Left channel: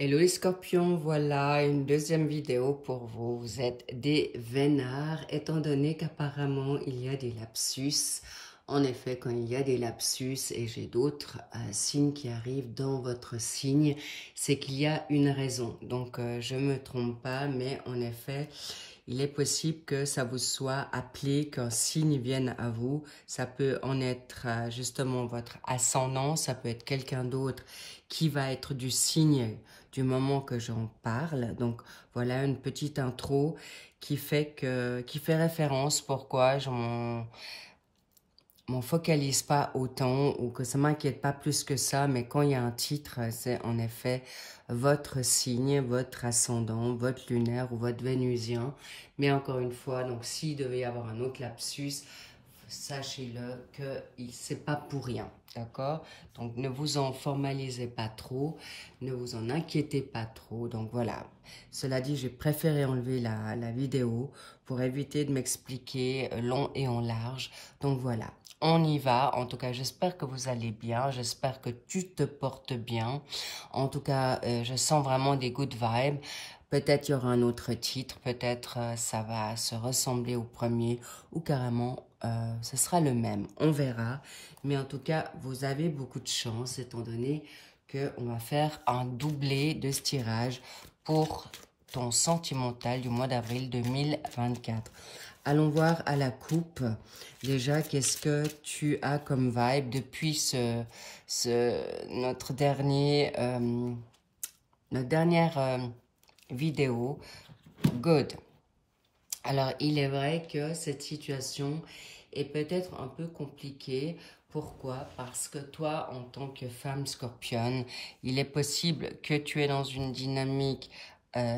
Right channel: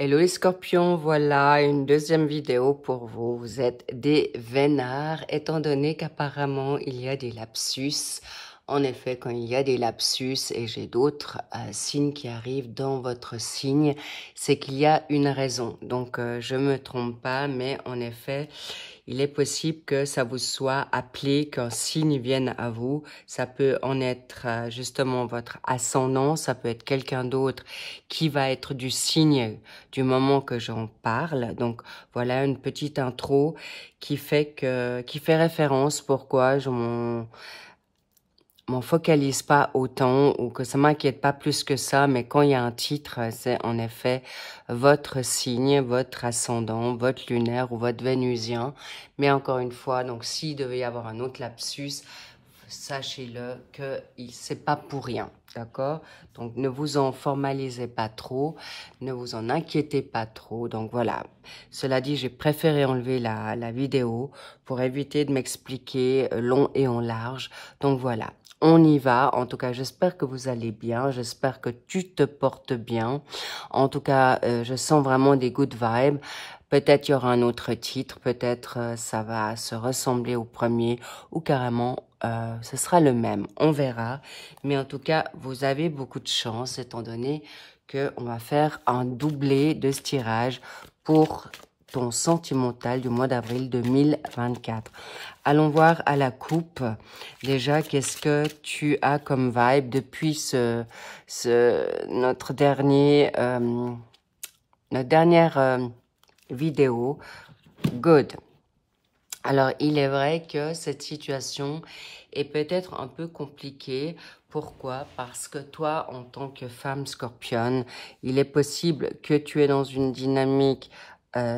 Hello les scorpions, voilà une deuxième vidéo pour vous. Vous êtes des vénards, étant donné qu'apparemment il y a des lapsus. En effet, quand il y a des lapsus et j'ai d'autres signes qui arrivent dans votre signe, c'est qu'il y a une raison. Donc je ne me trompe pas, mais en effet, il est possible que ça vous soit appelé, qu'un signe vienne à vous. Ça peut en être justement votre ascendant, ça peut être quelqu'un d'autre qui va être du signe du moment que j'en parle. Donc voilà une petite intro qui fait référence pourquoi je m'en focalise pas autant ou que ça m'inquiète pas plus que ça, mais quand il y a un titre, c'est en effet votre signe, votre ascendant, votre lunaire ou votre vénusien. Mais encore une fois, donc s'il devait y avoir un autre lapsus, sachez-le que c'est pas pour rien, d'accord? Donc ne vous en formalisez pas trop, ne vous en inquiétez pas trop. Donc voilà, cela dit, j'ai préféré enlever la vidéo pour éviter de m'expliquer long et en large. Donc voilà. On y va. En tout cas, j'espère que vous allez bien. J'espère que tu te portes bien. En tout cas, je sens vraiment des good vibes. Peut-être il y aura un autre titre. Peut-être ça va se ressembler au premier ou carrément ce sera le même. On verra. Mais en tout cas, vous avez beaucoup de chance étant donné qu'on va faire un doublé de ce tirage pour ton sentimental du mois d'avril 2024. Allons voir à la coupe. Déjà, qu'est-ce que tu as comme vibe depuis notre dernière vidéo? Good. Alors, il est vrai que cette situation est peut-être un peu compliquée. Pourquoi? Parce que toi, en tant que femme scorpion, il est possible que tu es dans une dynamique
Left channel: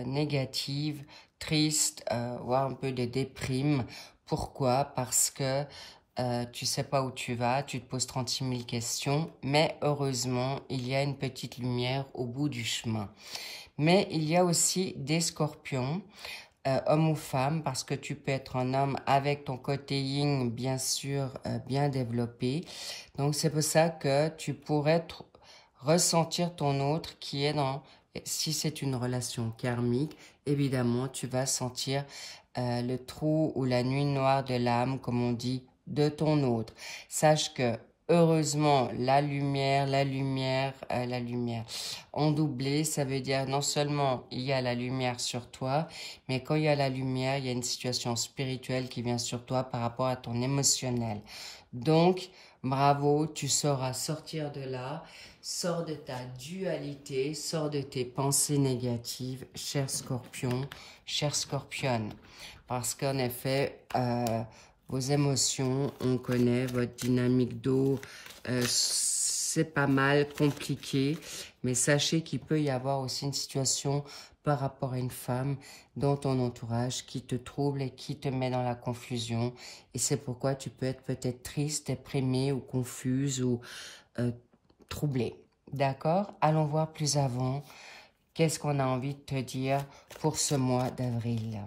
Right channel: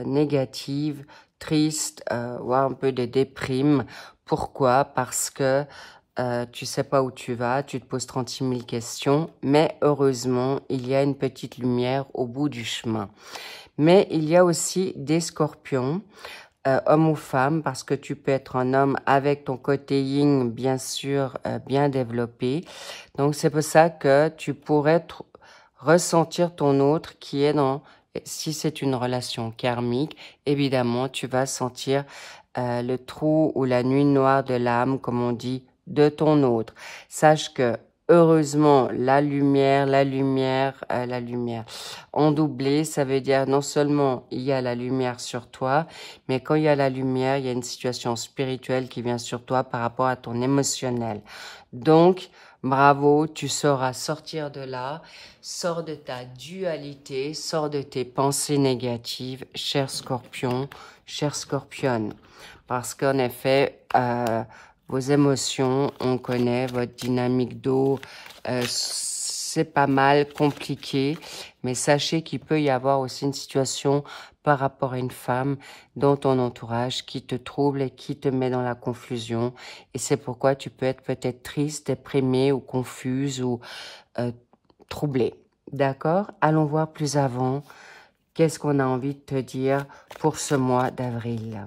négative, triste, voire un peu de déprime. Pourquoi? Parce que tu sais pas où tu vas, tu te poses 36 000 questions, mais heureusement, il y a une petite lumière au bout du chemin. Mais il y a aussi des scorpions, homme ou femme, parce que tu peux être un homme avec ton côté yin, bien sûr, bien développé. Donc, c'est pour ça que tu pourrais ressentir ton autre qui est dans, si c'est une relation karmique, évidemment, tu vas sentir le trou ou la nuit noire de l'âme, comme on dit, de ton autre. Sache que heureusement, la lumière, en doublé, ça veut dire non seulement il y a la lumière sur toi, mais quand il y a la lumière, il y a une situation spirituelle qui vient sur toi par rapport à ton émotionnel. Donc, bravo, tu sauras sortir de là, sors de ta dualité, sors de tes pensées négatives, cher Scorpion, chère Scorpionne. Parce qu'en effet, vos émotions, on connaît, votre dynamique d'eau, c'est pas mal compliqué, mais sachez qu'il peut y avoir aussi une situation par rapport à une femme dans ton entourage qui te trouble et qui te met dans la confusion. Et c'est pourquoi tu peux être peut-être triste, déprimée ou confuse ou troublée. D'accord? Allons voir plus avant. Qu'est-ce qu'on a envie de te dire pour ce mois d'avril?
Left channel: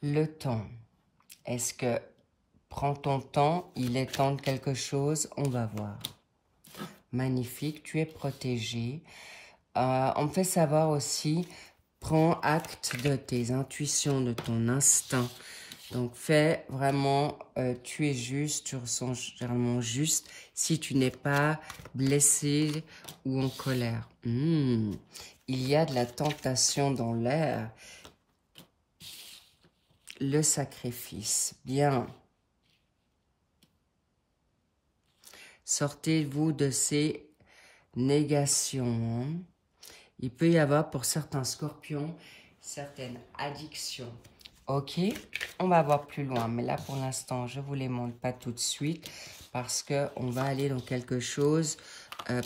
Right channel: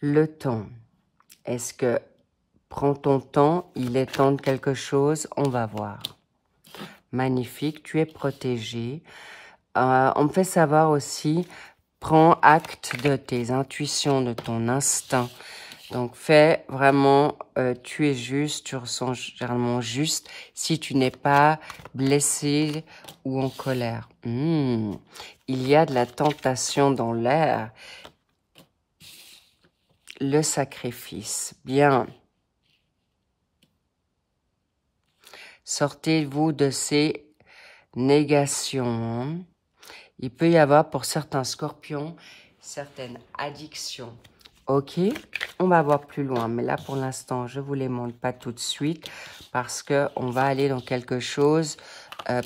Le temps. Est-ce que prends ton temps, il est temps de quelque chose? On va voir. Magnifique, tu es protégé. On me fait savoir aussi, prends acte de tes intuitions, de ton instinct. Donc, fais vraiment, tu es juste, tu ressens généralement juste si tu n'es pas blessé ou en colère. Il y a de la tentation dans l'air. Le sacrifice. Bien. Sortez-vous de ces négations. Il peut y avoir pour certains scorpions certaines addictions. Ok, on va voir plus loin. Mais là, pour l'instant, je ne vous les montre pas tout de suite parce qu'on va aller dans quelque chose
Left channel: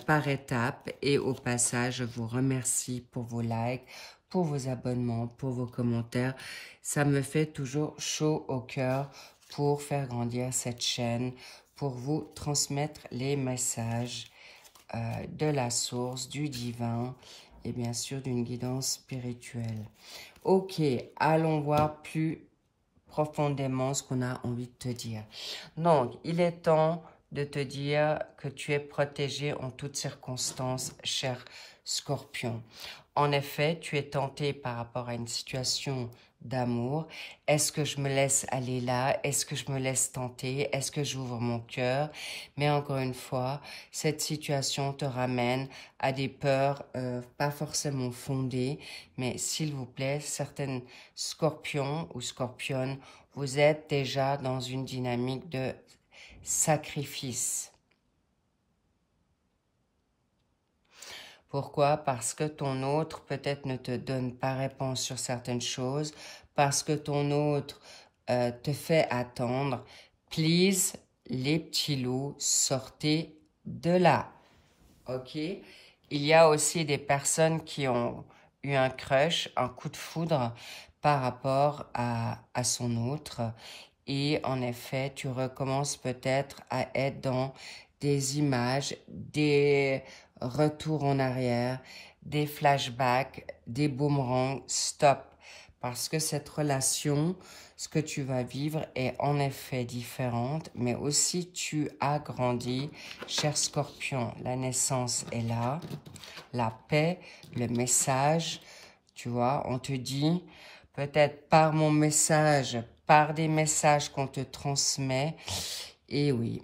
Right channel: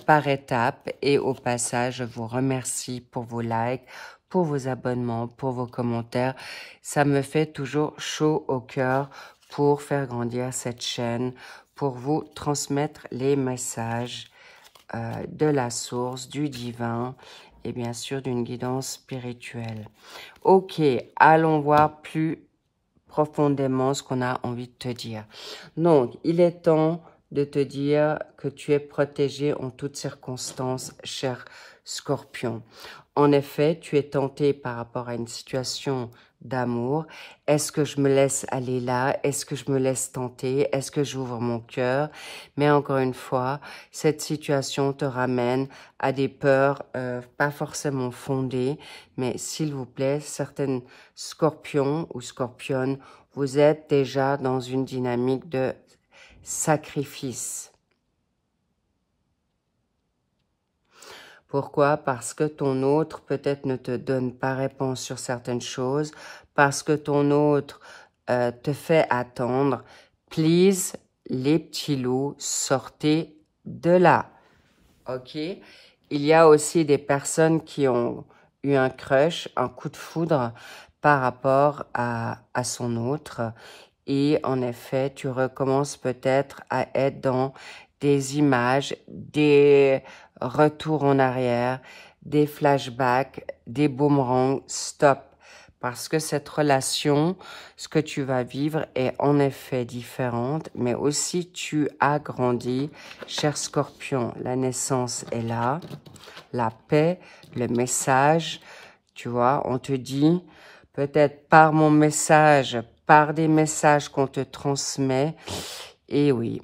par étapes. Et au passage, je vous remercie pour vos likes, pour vos abonnements, pour vos commentaires. Ça me fait toujours chaud au cœur pour faire grandir cette chaîne, pour vous transmettre les messages de la source, du divin et bien sûr d'une guidance spirituelle. Ok, allons voir plus profondément ce qu'on a envie de te dire. Donc, il est temps de te dire que tu es protégé en toutes circonstances, cher Scorpion. En effet, tu es tenté par rapport à une situation d'amour. Est-ce que je me laisse aller là? Est-ce que je me laisse tenter? Est-ce que j'ouvre mon cœur? Mais encore une fois, cette situation te ramène à des peurs pas forcément fondées, mais s'il vous plaît, certaines scorpions ou scorpionnes, vous êtes déjà dans une dynamique de sacrifice. Pourquoi? Parce que ton autre peut-être ne te donne pas réponse sur certaines choses, parce que ton autre te fait attendre. Please, les petits loups, sortez de là. Ok? Il y a aussi des personnes qui ont eu un crush, un coup de foudre par rapport à son autre. Et en effet, tu recommences peut-être à être dans des images, des retours en arrière, des flashbacks, des boomerangs. Stop. Parce que cette relation, ce que tu vas vivre est en effet différente, mais aussi tu as grandi, cher Scorpion. La naissance est là, la paix, le message, tu vois, on te dit, peut-être par mon message, par des messages qu'on te transmet, et oui,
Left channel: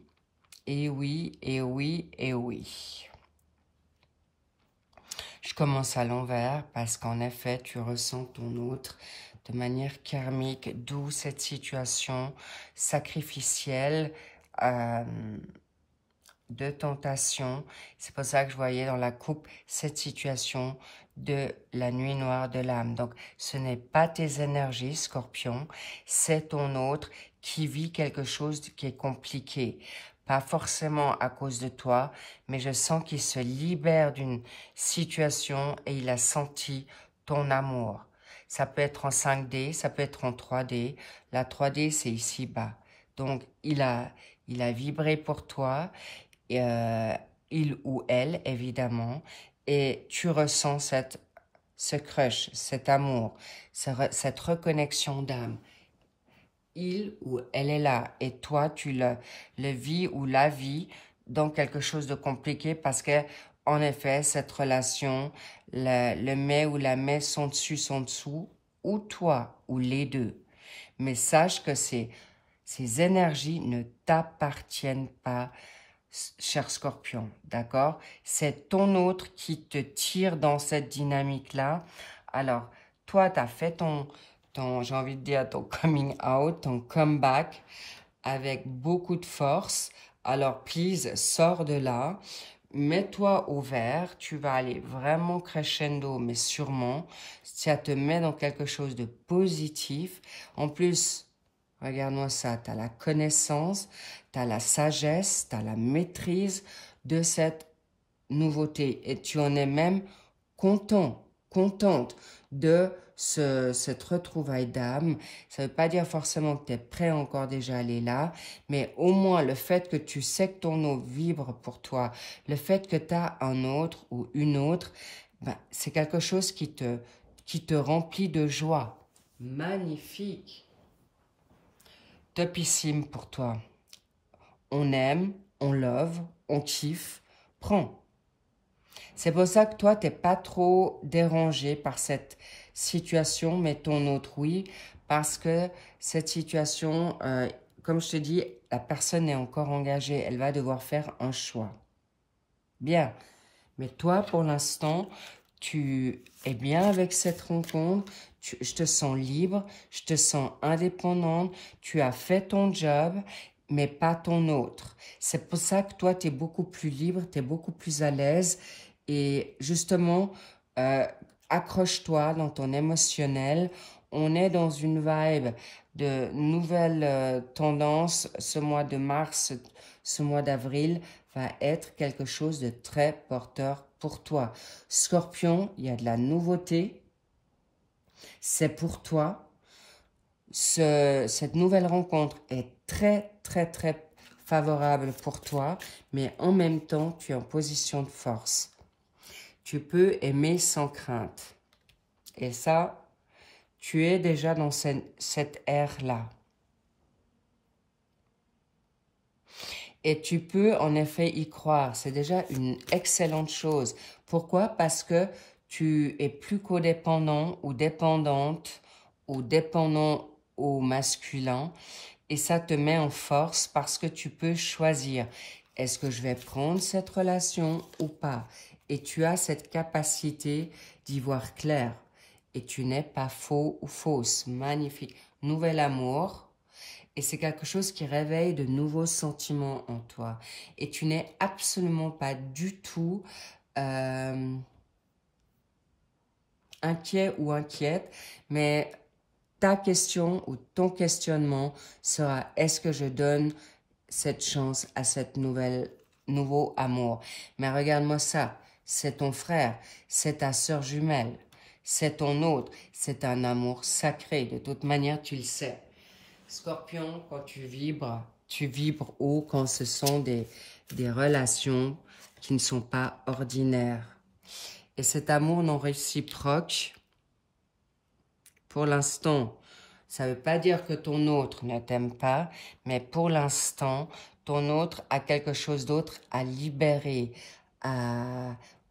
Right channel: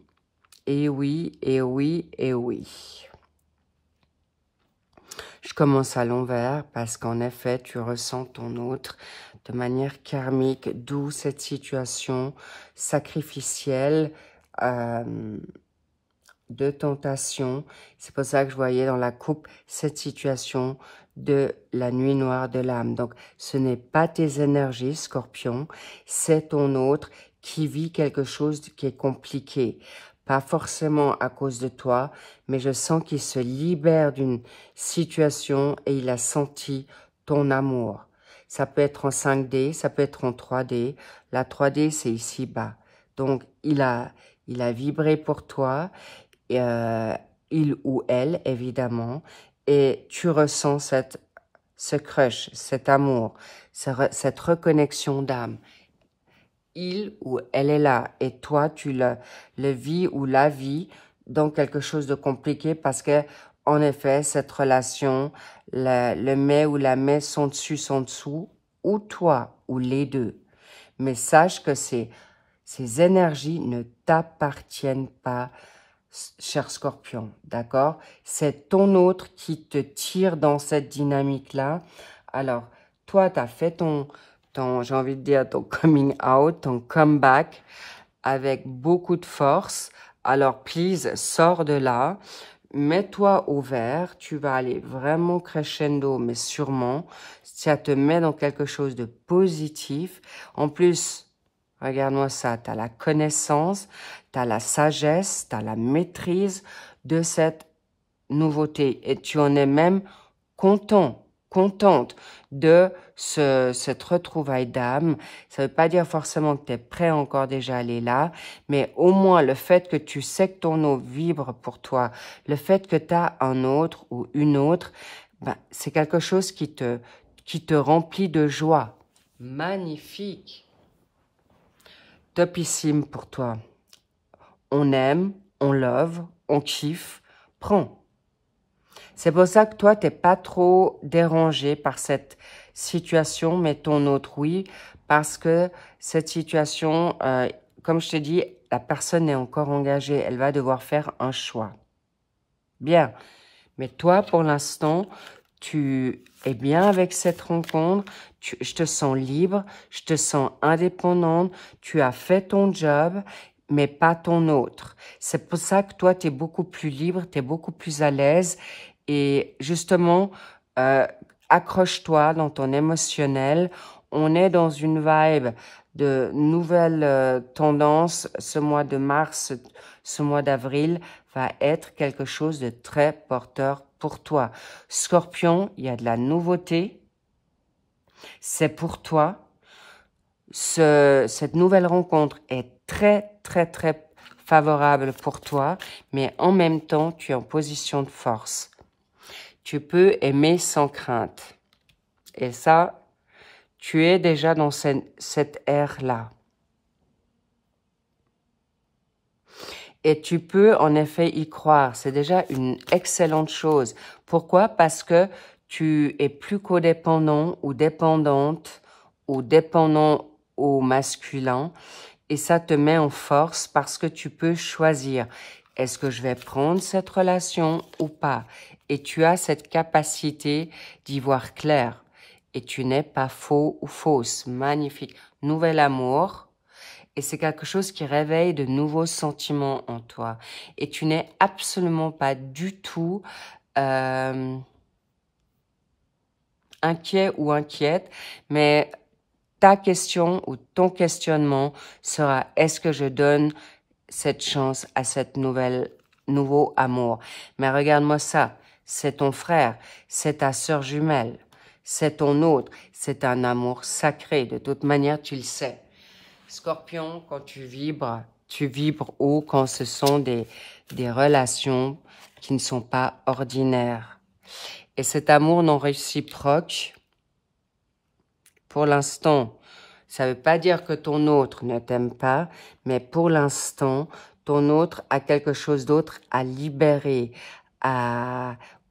et oui, et oui, et oui. Je commence à l'envers parce qu'en effet, tu ressens ton autre de manière karmique, d'où cette situation sacrificielle de tentation. C'est pour ça que je voyais dans la coupe cette situation de la nuit noire de l'âme. Donc, ce n'est pas tes énergies, Scorpion, c'est ton autre qui vit quelque chose qui est compliqué. Pas forcément à cause de toi, mais je sens qu'il se libère d'une situation et il a senti ton amour. Ça peut être en 5D, ça peut être en 3D. La 3D, c'est ici-bas. Donc, il a vibré pour toi, il ou elle, évidemment, et tu ressens ce crush, cet amour, cette reconnexion d'âme. Il ou elle est là, et toi, tu le vis ou la vis dans quelque chose de compliqué parce que, en effet, cette relation, le mais ou la mais sont dessus, sont dessous, ou toi, ou les deux. Mais sache que ces énergies ne t'appartiennent pas, cher Scorpion, d'accord? C'est ton autre qui te tire dans cette dynamique-là. Alors, toi, tu as fait ton j'ai envie de dire, ton coming out, ton comeback avec beaucoup de force. Alors, please, sors de là. Mets-toi au vert. Tu vas aller vraiment crescendo, mais sûrement. Ça te met dans quelque chose de positif. En plus, regarde-moi ça. Tu as la connaissance, tu as la sagesse, tu as la maîtrise de cette nouveauté. Et tu en es même content, contente de cette retrouvaille d'âme. Ça ne veut pas dire forcément que tu es prêt encore déjà à aller là, mais au moins le fait que tu sais que ton eau vibre pour toi, le fait que tu as un autre ou une autre, ben, c'est quelque chose qui te remplit de joie. Magnifique. Topissime pour toi. On aime, on love, on kiffe, prends. C'est pour ça que toi, tu n'es pas trop dérangé par cette situation, mais ton autre, oui, parce que cette situation, comme je te dis, la personne est encore engagée, elle va devoir faire un choix. Bien, mais toi, pour l'instant, tu es bien avec cette rencontre, je te sens libre, je te sens indépendante, tu as fait ton job, mais pas ton autre. C'est pour ça que toi, tu es beaucoup plus libre, tu es beaucoup plus à l'aise. Et justement, accroche-toi dans ton émotionnel. On est dans une vibe de nouvelles tendances. Ce mois de mars, ce mois d'avril va être quelque chose de très porteur pour toi. Scorpion, il y a de la nouveauté. C'est pour toi. Cette nouvelle rencontre est très, très, très favorable pour toi. Mais en même temps, tu es en position de force. Tu peux aimer sans crainte. Et ça, tu es déjà dans cette ère-là. Et tu peux en effet y croire. C'est déjà une excellente chose. Pourquoi? Parce que tu es plus codépendant ou dépendante ou dépendant au masculin. Et ça te met en force parce que tu peux choisir. Est-ce que je vais prendre cette relation ou pas? Et tu as cette capacité d'y voir clair. Et tu n'es pas faux ou fausse. Magnifique. Nouvel amour. Et c'est quelque chose qui réveille de nouveaux sentiments en toi. Et tu n'es absolument pas du tout inquiet ou inquiète. Mais ta question ou ton questionnement sera: est-ce que je donne cette chance à cette nouveau amour? Mais regarde-moi ça. C'est ton frère. C'est ta sœur jumelle. C'est ton autre. C'est un amour sacré. De toute manière, tu le sais. Scorpion, quand tu vibres haut quand ce sont des relations qui ne sont pas ordinaires. Et cet amour non réciproque, pour l'instant, ça ne veut pas dire que ton autre ne t'aime pas, mais pour l'instant, ton autre a quelque chose d'autre à libérer,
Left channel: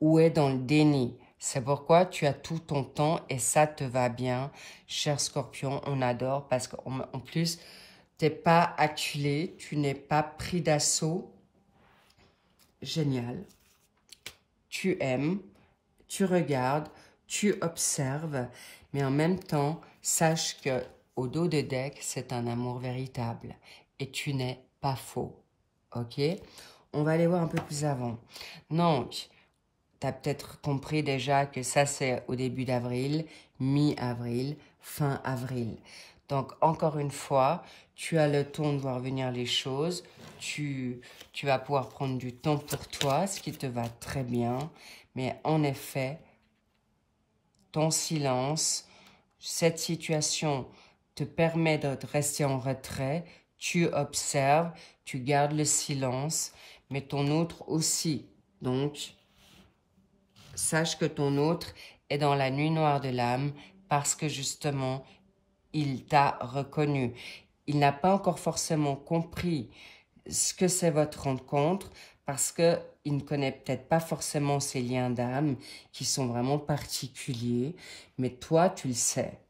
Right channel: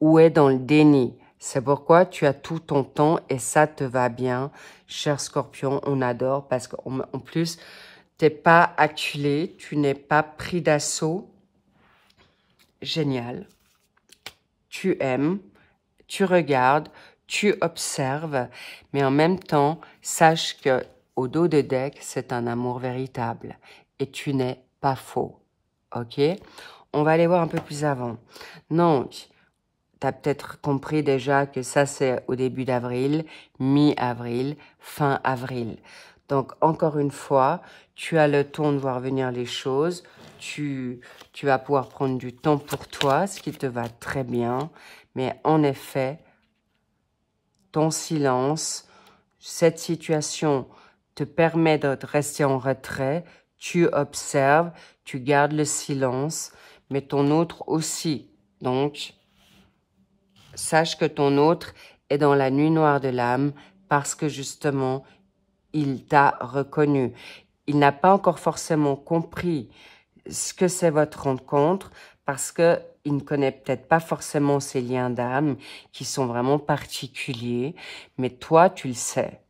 ou est dans le déni. C'est pourquoi tu as tout ton temps et ça te va bien. Cher Scorpion, on adore parce qu'en plus, tu n'es pas acculé, tu n'es pas pris d'assaut. Génial. Tu aimes, tu regardes, tu observes, mais en même temps, sache que au dos de deck, c'est un amour véritable et tu n'es pas faux. Ok? On va aller voir un peu plus avant. Donc, tu as peut-être compris déjà que ça, c'est au début d'avril, mi-avril, fin avril. Donc, encore une fois, tu as le temps de voir venir les choses. Tu vas pouvoir prendre du temps pour toi, ce qui te va très bien. Mais en effet, ton silence, cette situation te permet de rester en retrait. Tu observes, tu gardes le silence, mais ton autre aussi. Donc, sache que ton autre est dans la nuit noire de l'âme parce que justement, il t'a reconnu. Il n'a pas encore forcément compris ce que c'est votre rencontre parce qu'il ne connaît peut-être pas forcément ces liens d'âme qui sont vraiment particuliers. Mais toi, tu le sais.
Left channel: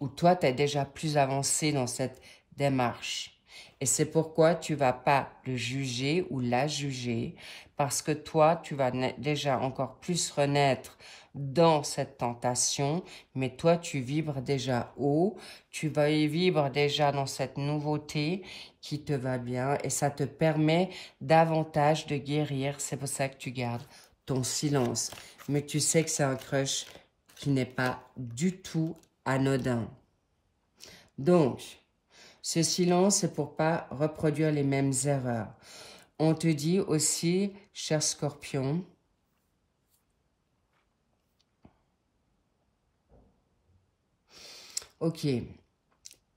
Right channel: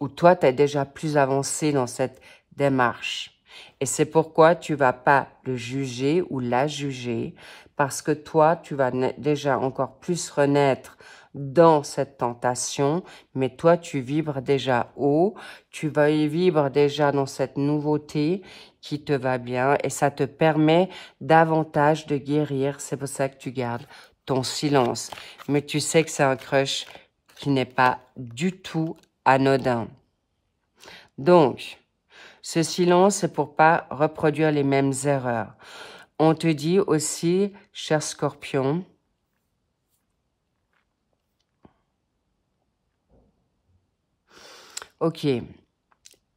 Ou toi, tu es déjà plus avancé dans cette démarche. Et c'est pourquoi tu ne vas pas le juger ou la juger parce que toi, tu vas déjà encore plus renaître dans cette tentation, mais toi, tu vibres déjà haut, tu vas y vivre déjà dans cette nouveauté qui te va bien et ça te permet davantage de guérir. C'est pour ça que tu gardes ton silence. Mais tu sais que c'est un crush qui n'est pas du tout anodin. Donc, ce silence, c'est pour pas reproduire les mêmes erreurs. On te dit aussi, cher Scorpion, ok,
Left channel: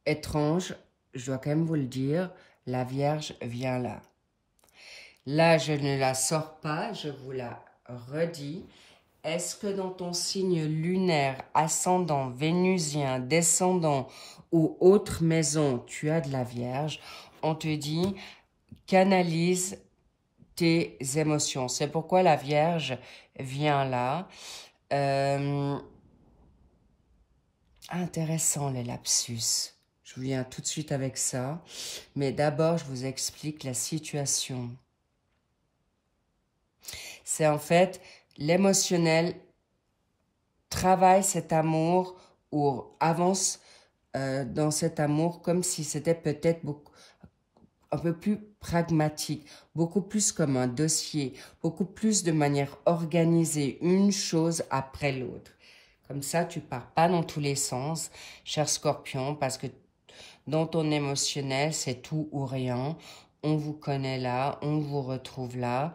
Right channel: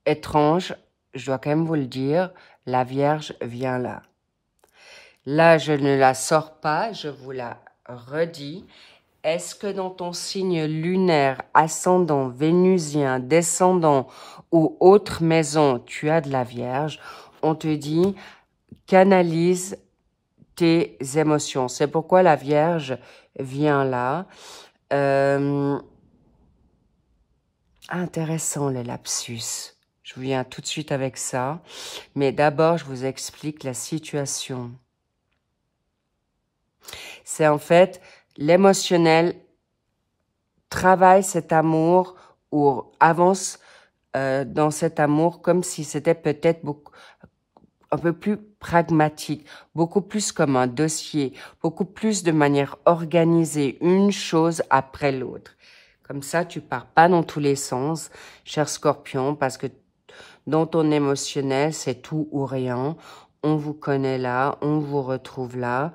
étrange, je dois quand même vous le dire, la Vierge vient là. Là, je ne la sors pas, je vous la redis. Est-ce que dans ton signe lunaire, ascendant, vénusien, descendant ou autre maison, tu as de la Vierge? On te dit, canalise tes émotions. C'est pourquoi la Vierge vient là. Intéressant le lapsus. Je vous viens tout de suite avec ça. Mais d'abord, je vous explique la situation. C'est en fait l'émotionnel travaille cet amour ou avance dans cet amour comme si c'était peut-être un peu plus pragmatique, beaucoup plus comme un dossier, beaucoup plus de manière organisée, une chose après l'autre. Comme ça, tu pars pas dans tous les sens, cher Scorpion, parce que dans ton émotionnel, c'est tout ou rien. On vous connaît là, on vous retrouve là.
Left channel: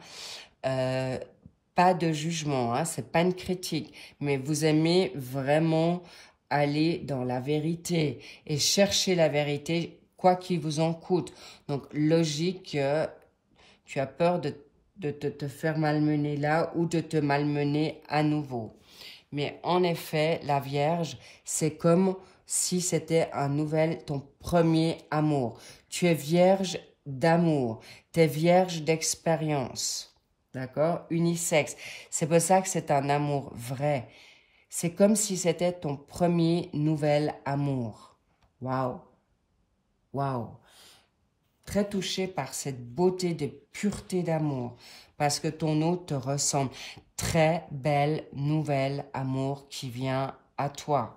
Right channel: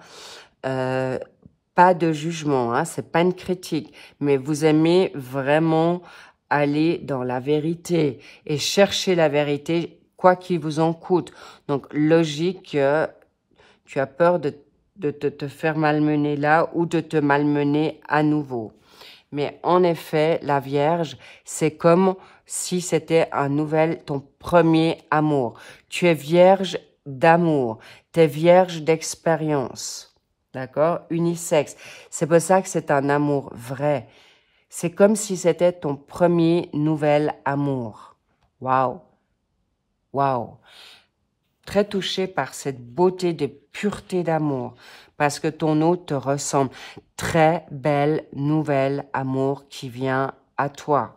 Pas de jugement, hein, c'est pas une critique, mais vous aimez vraiment aller dans la vérité et chercher la vérité, quoi qu'il vous en coûte. Donc, logique que tu as peur de te faire malmener là ou de te malmener à nouveau. Mais en effet, la Vierge, c'est comme si c'était ton premier amour. Tu es vierge d'amour. Tu es vierge d'expérience. D'accord? Unisexe. C'est pour ça que c'est un amour vrai. C'est comme si c'était ton premier nouvel amour. Waouh! Waouh! Très touché par cette beauté de pureté d'amour. Parce que ton hôte te ressemble. Très belle nouvelle amour qui vient à toi.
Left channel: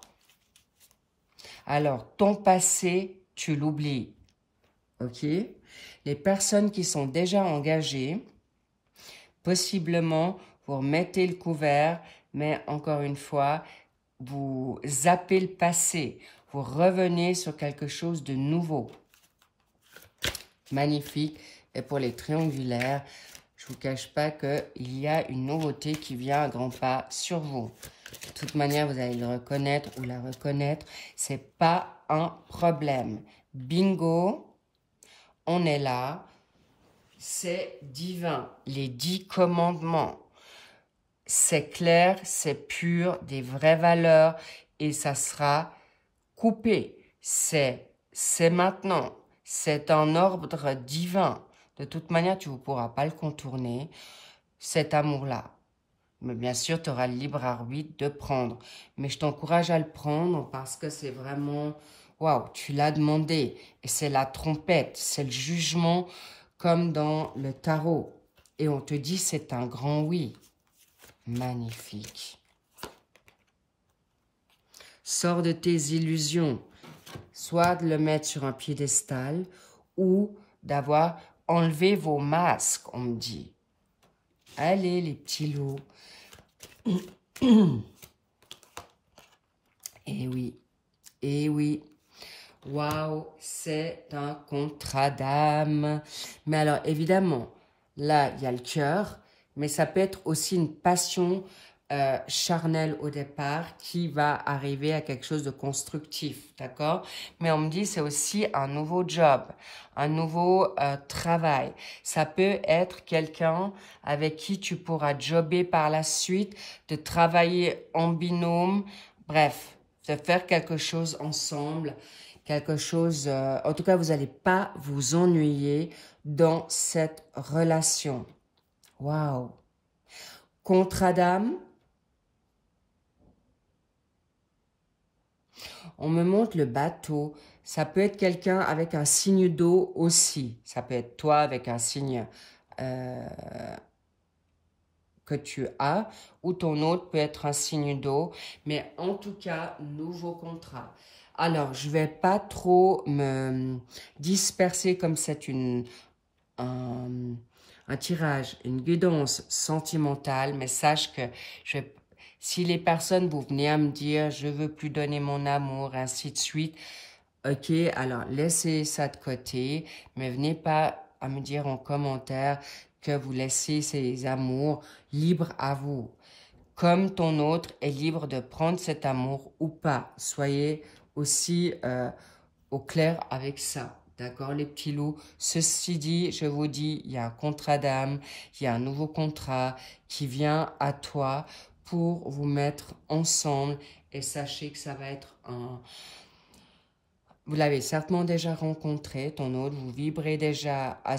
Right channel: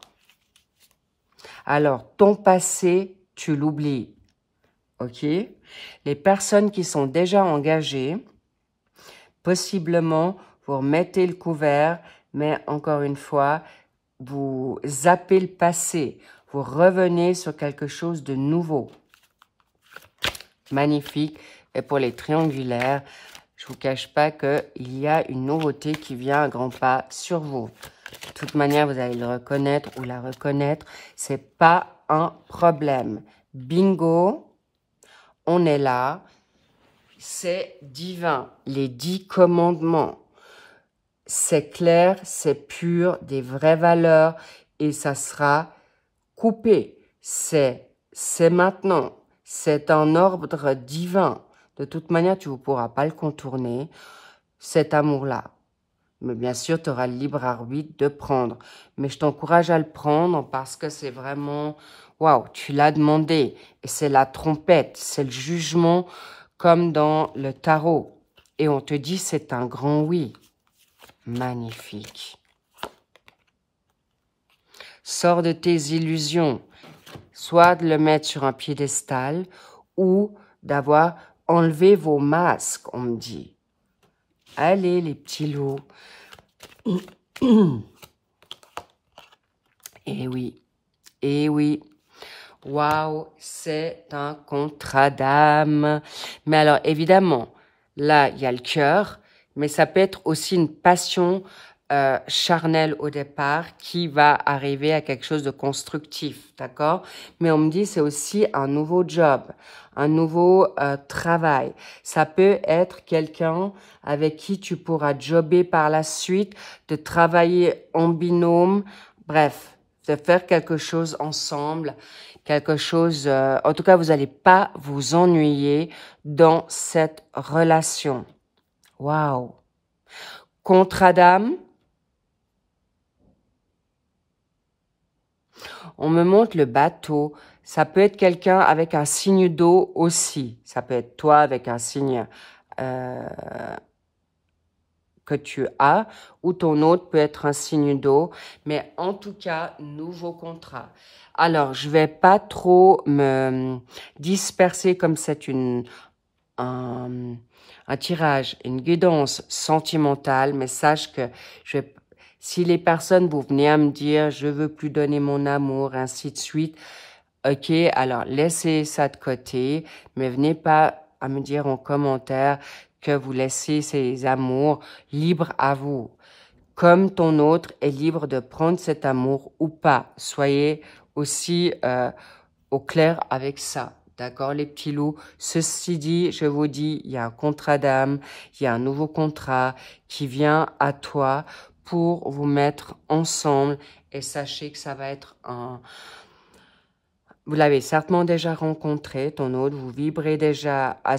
Alors, ton passé, tu l'oublies. OK? Les personnes qui sont déjà engagées, possiblement, vous remettez le couvert, mais encore une fois, vous zappez le passé. Vous revenez sur quelque chose de nouveau. Magnifique. Et pour les triangulaires, je ne vous cache pas qu'il y a une nouveauté qui vient à grands pas sur vous. De toute manière, vous allez le reconnaître ou la reconnaître. Ce n'est pas un problème. Bingo, on est là. C'est divin. Les 10 commandements. C'est clair, c'est pur, des vraies valeurs et ça sera coupé. C'est maintenant. C'est un ordre divin. De toute manière, tu ne pourras pas le contourner, cet amour-là. Mais bien sûr, tu auras le libre arbitre de prendre. Mais je t'encourage à le prendre parce que c'est vraiment... Waouh, tu l'as demandé. Et c'est la trompette, c'est le jugement comme dans le tarot. Et on te dit c'est un grand oui. Magnifique. Sors de tes illusions. Soit de le mettre sur un piédestal ou d'avoir enlevé vos masques, on me dit. Allez, les petits loups. Eh oui, eh oui. Waouh, c'est un contrat d'âme. Mais alors, évidemment, là, il y a le cœur, mais ça peut être aussi une passion charnelle au départ qui va arriver à quelque chose de constructif, d'accord? Mais on me dit c'est aussi un nouveau job, un nouveau travail. Ça peut être quelqu'un avec qui tu pourras jobber par la suite, de travailler en binôme, bref, de faire quelque chose ensemble, quelque chose... en tout cas, vous n'allez pas vous ennuyer dans cette relation. Waouh! Contrat d'âme. On me montre le bateau. Ça peut être quelqu'un avec un signe d'eau aussi. Ça peut être toi avec un signe que tu as. Ou ton autre peut être un signe d'eau. Mais en tout cas, nouveau contrat. Alors, je ne vais pas trop me disperser comme c'est un tirage, une guidance sentimentale. Mais sache que si les personnes, vous venez à me dire, je veux plus donner mon amour, ainsi de suite, ok, alors laissez ça de côté, mais venez pas à me dire en commentaire que vous laissez ces amours libres à vous. Comme ton autre est libre de prendre cet amour ou pas. Soyez aussi au clair avec ça. D'accord, les petits loups? Ceci dit, je vous dis, il y a un contrat d'âme, il y a un nouveau contrat qui vient à toi pour vous mettre ensemble et sachez que ça va être un... Vous l'avez certainement déjà rencontré, ton autre, vous vibrez déjà à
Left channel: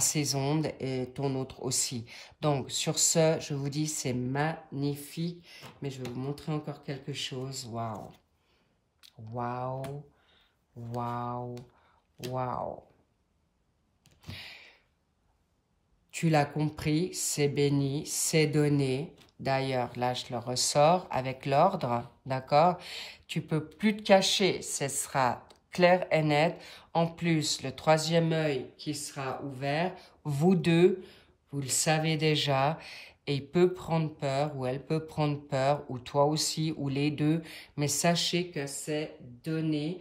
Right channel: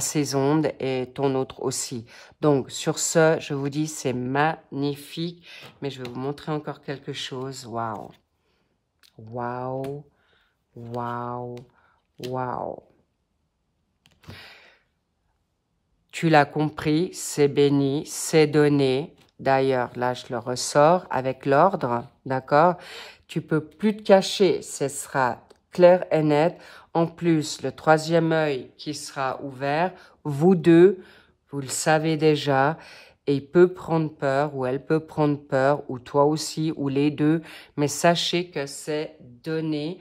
ses ondes et ton autre aussi. Donc, sur ce, je vous dis, c'est magnifique, mais je vais vous montrer encore quelque chose. Waouh! Waouh! Waouh! Waouh! Tu l'as compris, c'est béni, c'est donné. D'ailleurs, là, je le ressors avec l'ordre, d'accord? Tu peux plus te cacher, ce sera clair et net. En plus, le troisième œil qui sera ouvert, vous deux, vous le savez déjà, et il peut prendre peur, ou elle peut prendre peur, ou toi aussi, ou les deux, mais sachez que c'est donné,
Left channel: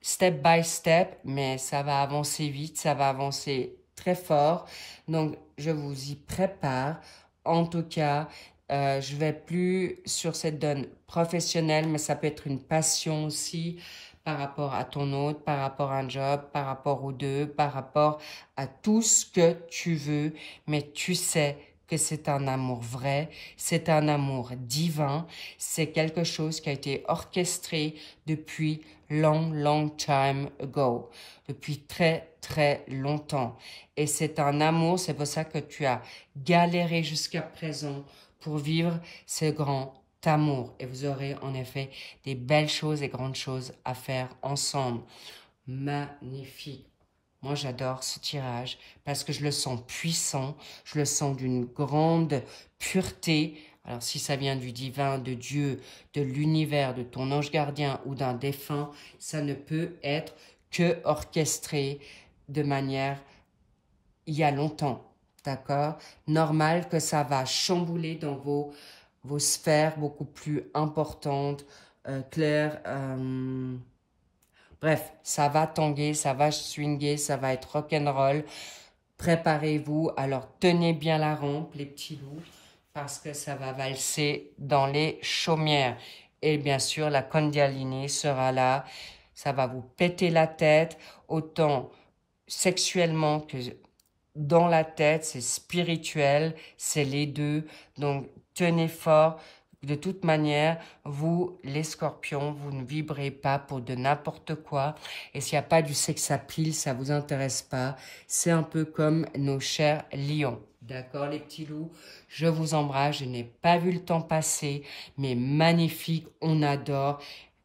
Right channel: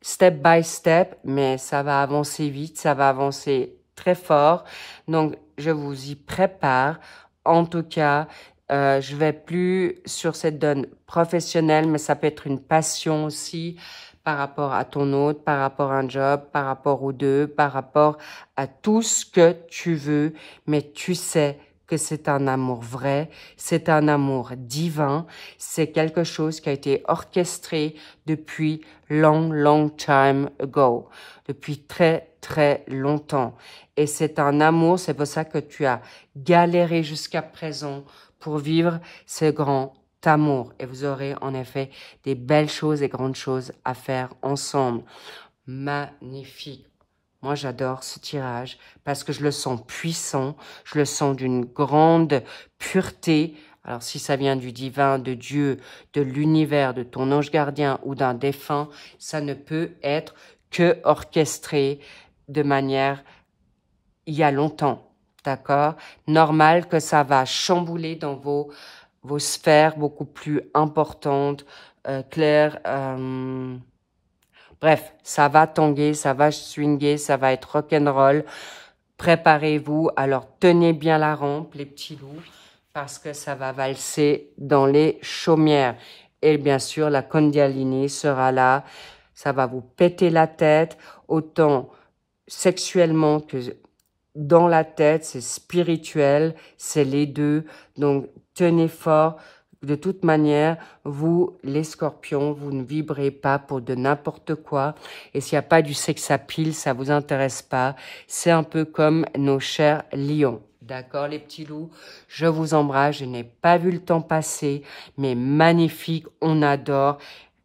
step by step, mais ça va avancer vite, ça va avancer très fort. Donc, je vous y prépare. En tout cas, je vais plus sur cette donne professionnelle, mais ça peut être une passion aussi par rapport à ton autre, par rapport à un job, par rapport aux deux, par rapport à tout ce que tu veux. Mais tu sais que c'est un amour vrai, c'est un amour divin, c'est quelque chose qui a été orchestré depuis long time ago. depuis très, très longtemps. Et c'est un amour, c'est pour ça que tu as galéré jusqu'à présent pour vivre ce grand amour. Et vous aurez en effet des belles choses et grandes choses à faire ensemble. Magnifique. Moi, j'adore ce tirage parce que je le sens puissant, je le sens d'une grande pureté. Alors, si ça vient du divin, de Dieu, de l'univers, de ton ange gardien ou d'un défunt, ça ne peut être que orchestré de manière il y a longtemps, d'accord? Normal que ça va chambouler dans vos sphères beaucoup plus importantes, claires. Bref, ça va tanguer, ça va swinguer, ça va être rock'n'roll. Préparez-vous, alors tenez bien la rampe, les petits loups, parce que ça va valser dans les chaumières. Et bien sûr, la Kundalini sera là. Ça va vous péter la tête, autant sexuellement que dans la tête, c'est spirituel, c'est les deux. Donc, tenez fort. De toute manière, vous, les scorpions, vous ne vibrez pas pour de n'importe quoi. Et s'il n'y a pas du sex appeal, ça ne vous intéresse pas. C'est un peu comme nos chers lions. D'accord, les petits loups? Je vous embrasse. Je n'ai pas vu le temps passer, mais magnifique, on adore.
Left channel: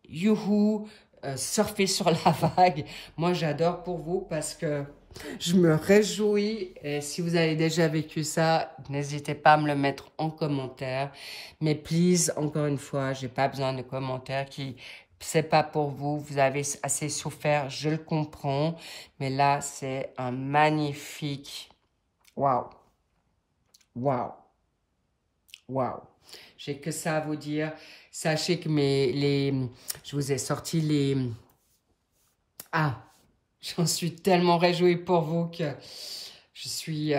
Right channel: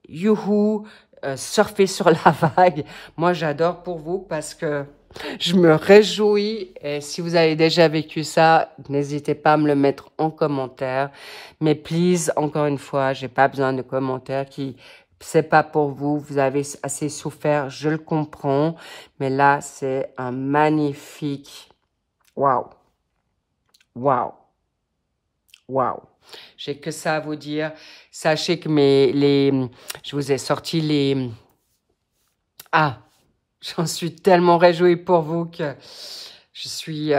Youhou, surfez sur la vague. Moi, j'adore pour vous parce que je me réjouis. Et si vous avez déjà vécu ça, n'hésitez pas à me le mettre en commentaire. Mais please, encore une fois, j'ai pas besoin de commentaires qui c'est pas pour vous. Vous avez assez souffert, je le comprends. Mais là, c'est un magnifique. Waouh, waouh, waouh. J'ai que ça à vous dire. Sachez que je vous ai sorti les. Ah. J'en suis tellement réjouie pour vous que je suis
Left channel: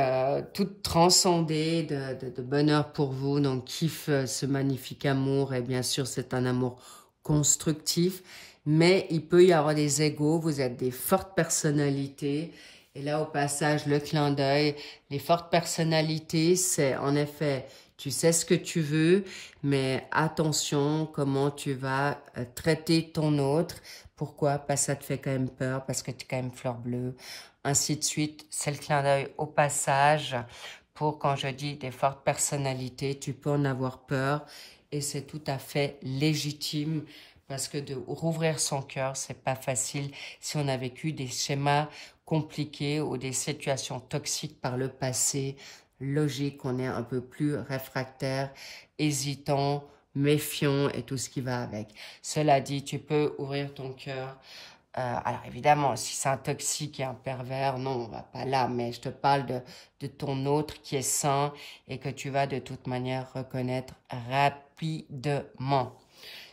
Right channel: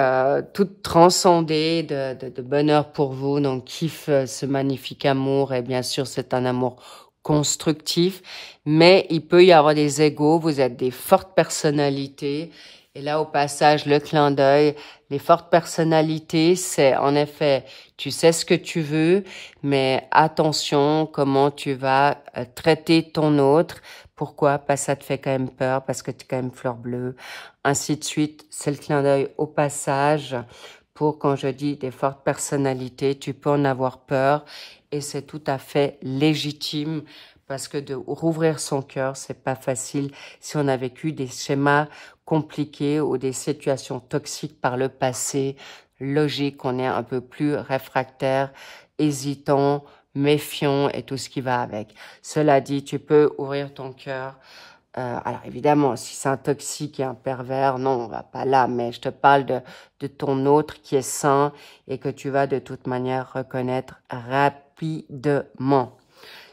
toute transcendée de bonheur pour vous. Donc, kiffe ce magnifique amour. Et bien sûr, c'est un amour constructif. Mais il peut y avoir des égos. Vous êtes des fortes personnalités. Et là, au passage, le clin d'œil. Les fortes personnalités, c'est en effet, tu sais ce que tu veux, mais attention comment tu vas traiter ton autre. Pourquoi? Parce que ça te fait quand même peur, parce que tu es quand même fleur bleue, ainsi de suite. C'est le clin d'œil au passage pour, quand je dis des fortes personnalités, tu peux en avoir peur et c'est tout à fait légitime parce que de rouvrir son cœur, c'est pas facile si on a vécu des schémas compliqués ou des situations toxiques par le passé. Logique qu'on est un peu plus réfractaire, hésitant, méfiant et tout ce qui va avec. Cela dit, tu peux ouvrir ton cœur. Alors évidemment, si c'est un toxique et un pervers, non, on va pas là. Mais je te parle de ton autre qui est sain et que tu vas de toute manière reconnaître rapidement.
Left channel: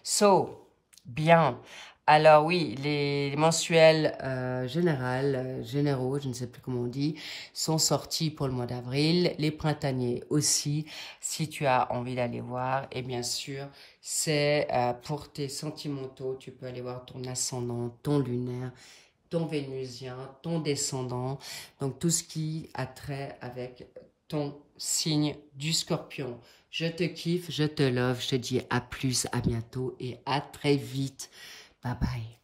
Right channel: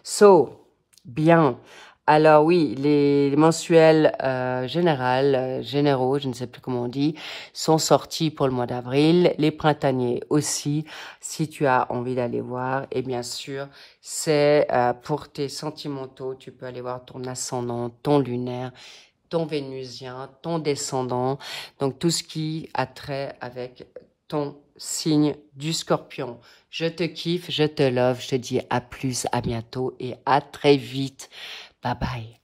So, bien. Alors oui, les mensuels généraux, je ne sais plus comment on dit, sont sortis pour le mois d'avril. Les printaniers aussi, si tu as envie d'aller voir. Et bien sûr, c'est pour tes sentimentaux, tu peux aller voir ton ascendant, ton lunaire, ton vénusien, ton descendant. Donc tout ce qui a trait avec ton signe du scorpion. Je te kiffe, je te love, je te dis à plus, à bientôt et à très vite. Bye bye.